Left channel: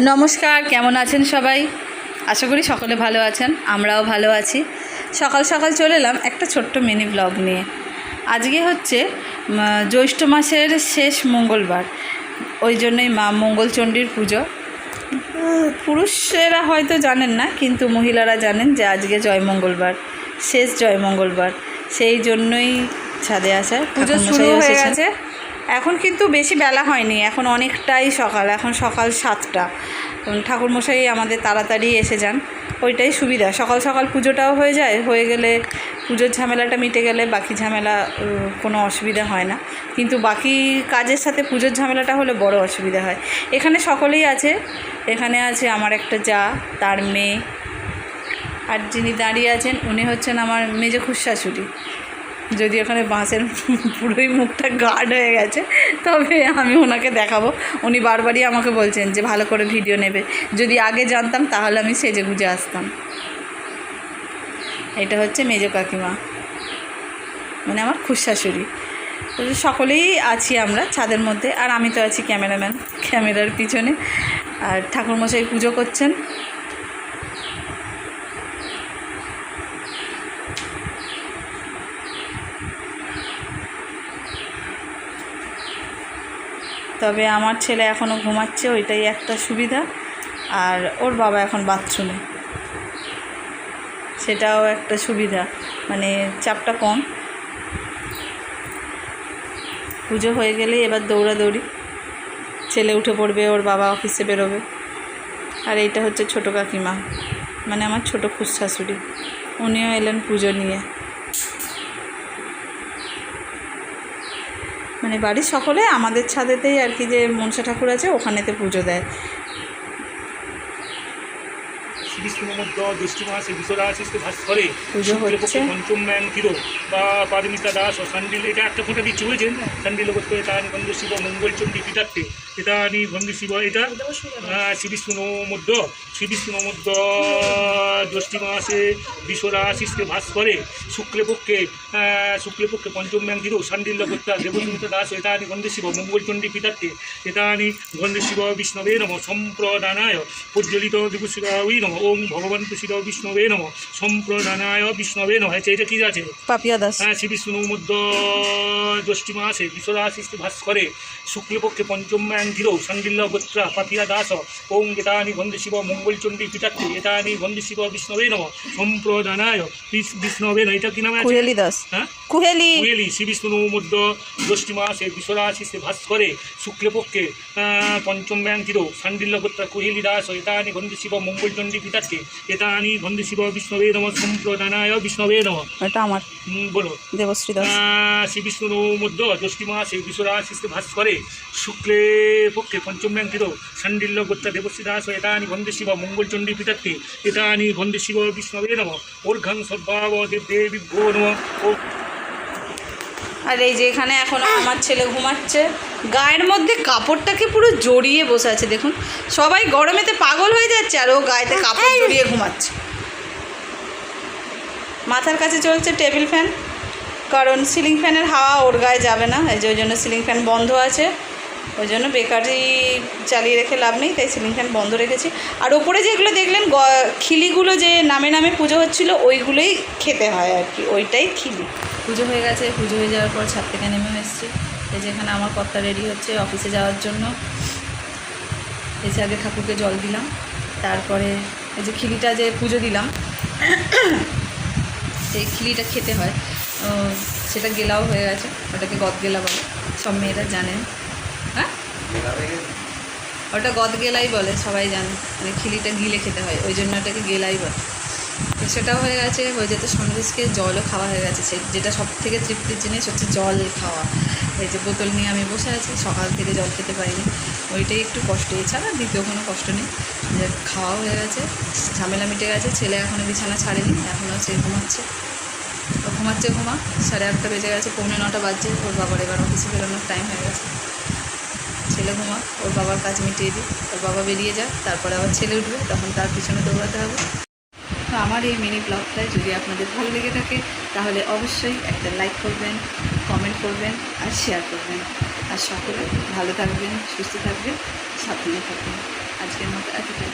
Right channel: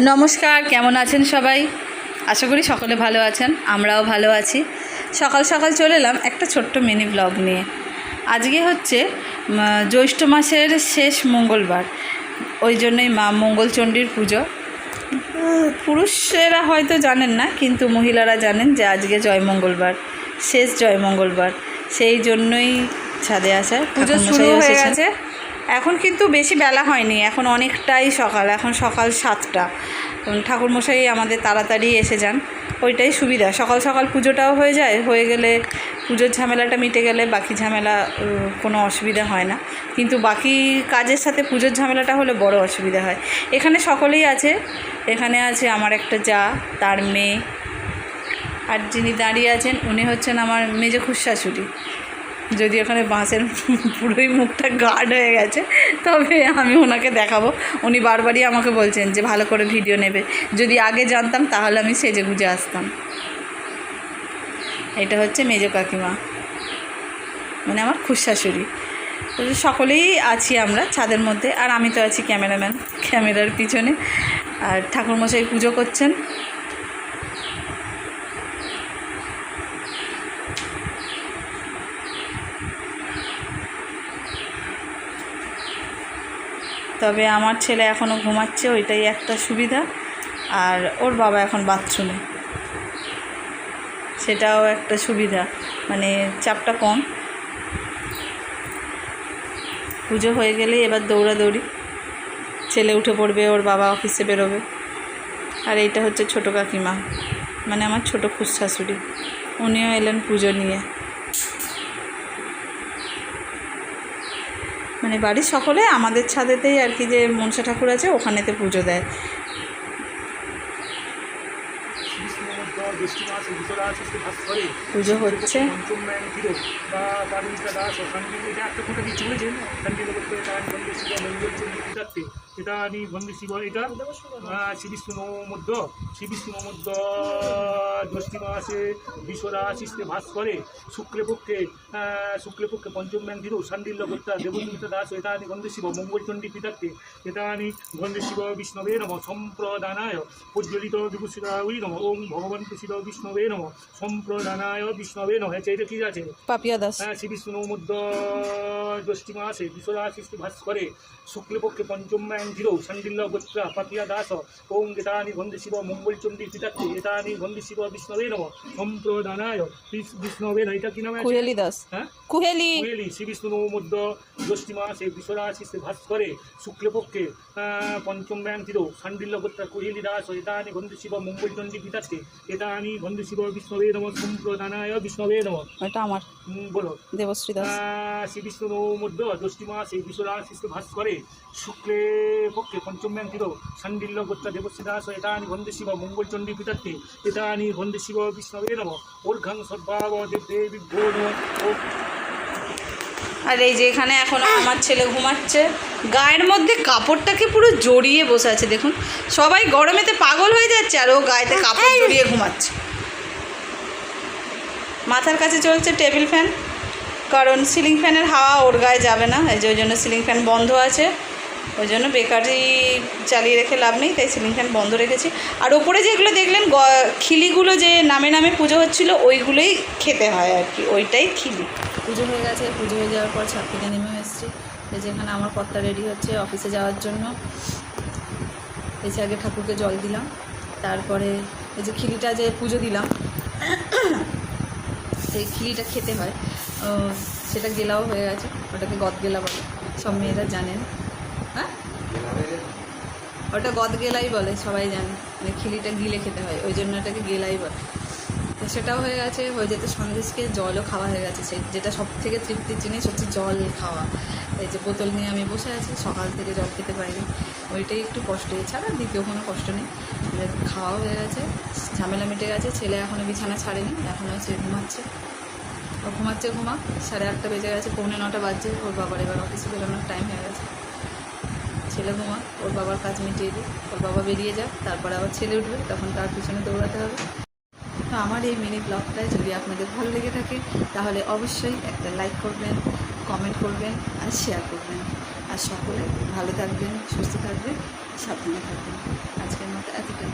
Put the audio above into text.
নমস্কার কেমন আছেন সবাই? আশা করি সকলে ভালো আছেন আমরাও ভালো আছি। সকাল সকাল চলে এলাম একটা ছোট্ট মিনি ব্লগ নিয়ে। আজকে হচ্ছে জ্যৈষ্ঠ মাসের শেষ মঙ্গলবার। ওই জন্যই মা মঙ্গলচণ্ডীর পুজো। পুরুষেরা হয়তো জানেন না কিন্তু মহিলারা জানেন যে আজকে জয় মঙ্গলবার শেষ জয় মঙ্গলবার। সেই জন্যই ছাদে আসা পুজো শুরু হয়ে গেছে। এখন কিন্তু বেশি বেলা হয়নি, এখন অনেকটাই সকাল, এখন সকাল সাতটা। ঠাকুরমশাই আমাদের তাড়াতাড়ি এসে যান, ওইটাই সুবিধা। সকাল সকাল পুজোটাও হয়ে যায়, হয়ে গেলে পুজোর ঝামেলাটা মিটে গেলে বাকি ঝামেলা কোনো অসুবিধা হয় না। কিন্তু বাকি কাজের সাথে পুজোর ঝামেলাটা হলে বড় অসুবিধা হয়। এখানে সকলেই আছে, এখানে আছে আমার একটা যা, তার মেয়ে। আর যিনি দাঁড়িয়ে আছেন, উনি হচ্ছেন আমার মেজো খুশাশুড়ি। যদি ওখানে বাঁশের পুরোই মুখটা গার্ড হয়ে গেছে, তবে আমি ওনাকে দেখাবো। উনি বারবারই আমাকে বলছেন যে ভালো করে ভিডিও নেবে। যদি আগে জানতাম, তাহলে আমি সেজে গুজে আসতাম। এটা হচ্ছে মেজো কাকিমা। মানে আমার খুশাশুড়ি সকলেই আছি আমরা ছাদের মধ্যে, আর আমি তো আছি ক্যামেরাম্যান। ক্যামেরার পিছনে। আর ঠাকুরমশাই পুজো করছেন। তবে আমার ছেলে এখনও ঘুমাচ্ছে, ওইটাই একটা সুবিধা। আর ওর বাবা এখন বাথরুমে সেটাও একটা সুবিধা মানে চাপটা কম। পুজো হয়ে গেলেই এবার দৌড়াদৌড়ি। ছেলে উঠে পড়বে, ওর বাবা অফিসে বেরোবে। আর এইটা হচ্ছে ছোটো কাকিমা মানে আমার ছোটো খুশ শাশুড়ি। উনিও এলেন পুজো নিয়ে। মানে বাড়ির সকলে আমাদের ছাদেতেই আর কি যে মনসা ঠাকুর আছে, ওখানেতে পুজো দেয়। পুজো হচ্ছে। পারমিতা দাস এটা একটা ফোটা দিচ্ছে বুঝেছেন সন্ডিল করতে এটা বন্ধু শিব এটা শিব এটা শ্রীবিষ্ণু মধ্য শ্রীবিষ্ণু মধ্য জ্যৈষ্ঠী মাসে বিশ্বরাশিসকে ভাস্করে শুক্লপক্ষে শুক্লপক্ষে পঞ্চম ম্যান কিরো সন্ডিল করতে দেবস্মিতা দাস এটা আনি বন্ধু শিব মঙ্গল চন্ডী পিতার্থে এটা আনি বন্ধু শিব বিষ্ণবে নম সম্প্রদানায় প্রজ্বলিত দিবসিরাই নম ওম ভগবান তুষির বিষ্ণবে নম সম্প্রদানায় বিষ্ণবে নম হচ্ছে এটা কি আছে? পাপিয়া দাস। হ্যাঁ শ্রী বিষ্ণু মধ্য জ্যৈষ্ঠী মাসে বিশ্বরাশিস্তি ভাস্করে শুক্লপক্ষে পঞ্চম ধীর সন্দিল্ল গোত্রা পাপিয়া দাস ওম এতানি গন্ধ শিব মঙ্গলচণ্ডী পিতাত্রে এতানি গন্ধ শিব বিষ্ণবে নম সম্প্রদানায় বিষ- বিষ্ণবে নম এটা কি নামে কুহেলি দাস হ্যাঁ কুহেলি। কুয়েলি শ্রী বিষ্ণু মধ্য জ্যৈষ্ঠী মাসে বিশ্বরাশিস্তে ভাস্করে শুক্লপক্ষে পঞ্চম ব্যাংকির সান্ডিল্য গোত্রা কুহিলি দাস এতানি গন্ধ শিব মঙ্গলচণ্ডী পিতাত্রে এতানি গন্ধ শিব বিষ্ণবে নম সম্প্রদানায় বিষ্ণবে নম। এটা আমার। বলো। দেবশ্রী দাস। আহ, শ্রী বিষ্ণু মধ্য জ্যৈষ্ঠী মাসে বিশ্বরাশিস্তে ভাস্করে শুক্লে পক্ষে পঞ্চম ব্যাংকির সান্ডিল্য গোত্রা দেবশ্রী দাস এতানি গন্ধ শিব মঙ্গলচণ্ডী পিতাত্রে এতানি গন্ধ শিব বিষ্ণবে নম। অর্ঘং সদ্ভাব দেবী ভো নম আর এই যে এখানে এখন আমার ছেলে ঘুমাচ্ছে। গায়ের মধ্যে কাপড়টাকে পুরো জড়িয়ে বসে আছে দেখুন। সবাই গরমেতে পাগল হয়ে যাচ্ছে আর ও গায়েতে কাপড় জড়িয়ে ঘুমাচ্ছে। মাথার কাছে চলছে টেবিল ফ্যান কারণ সিলিং ফ্যানের হাওয়া ওর গায়ে যাবে না এই যে ওই জন্য সিলিং ফ্যান বন্ধ আছে। ওই জন্য বেকারি চালিয়ে রেখে লাভ নেই, তাই সিলিং ফ্যান বন্ধ রেখেছি। আর ওপরে যেগুলো দেখলেন খিলিগুলো যে নামে নামে পুজো হচ্ছিল, ওইগুলোই খেতে হয় আর কি, ওইটাই খিলি। পুজো হয়ে গেছে, পুজো হয়ে যাওয়ার পর ছাদ থেকে নেমে এসেছি। এই যে এখানে আমার কর্তা রেডি হচ্ছে অফিসে যাওয়ার জন্য। এসে আগে ঠাকুরকে জল দিলাম, তারপরে এই যে খিলিটা যে পুজো দিলাম যে খিলিটা খেতে হয়। সেটা গেলাও হয়ে গেছে, ওটাকে গদ গেলা বলে সব মেয়েরা জানেন। ওটা গদ গেলাই বলে, সবাই জানে। মানে খিলিটা গিলে খেতে হয়, ওই জন্য ওটাকে গেলাই বলে। তো সেটাও হয়ে গেছে, হয়ে যেতে সন্দেশকে জলও খাওয়া হয়ে গেছে। যেটা সব থেকে তৃপ্তির জিনিস হচ্ছে জল খাওয়া। এই যে বোতল নিয়ে আমি বসে আছি, সকাল থেকে জল খেতে পারিনি। ওইটাই একটু কষ্ট, এছাড়া দ্বিতীয় কোনো কষ্ট নেই। যে খাওয়াও হয়ে গেছে, ঝামেলা মিটে গেছে, ছেলে এখনও বিছানা ছাড়েনি এখনও সে ঘুমাচ্ছে। ঘুমাচ্ছে, ঘুমা, সাড়ে আটটা বেজে গেছে, পৌনে নটা বাজছে, ওর বাবার এবার অফিসে বেরোনোর টাইম হয়ে গেছে। ছেলে ঘুমা ওর বাবার কাজ মিটিয়ে দিই ওর বাবা বেরিয়ে যাক তারপর আবার ছেলে উঠবে, তখন তার পিছনে দৌড়াতে হবে। তো আমার এই মিনি ব্লগটা যদি আপনাদের ভালো লেগে থাকে, তাহলে অবশ্যই একটা লাইক করবেন কমেন্ট করবেন আর শেয়ার করবেন। আর সকলে ভালো থাকবেন, সুস্থ থাকবেন সাফল্য থাকবেন। আজকের মতো এতটাই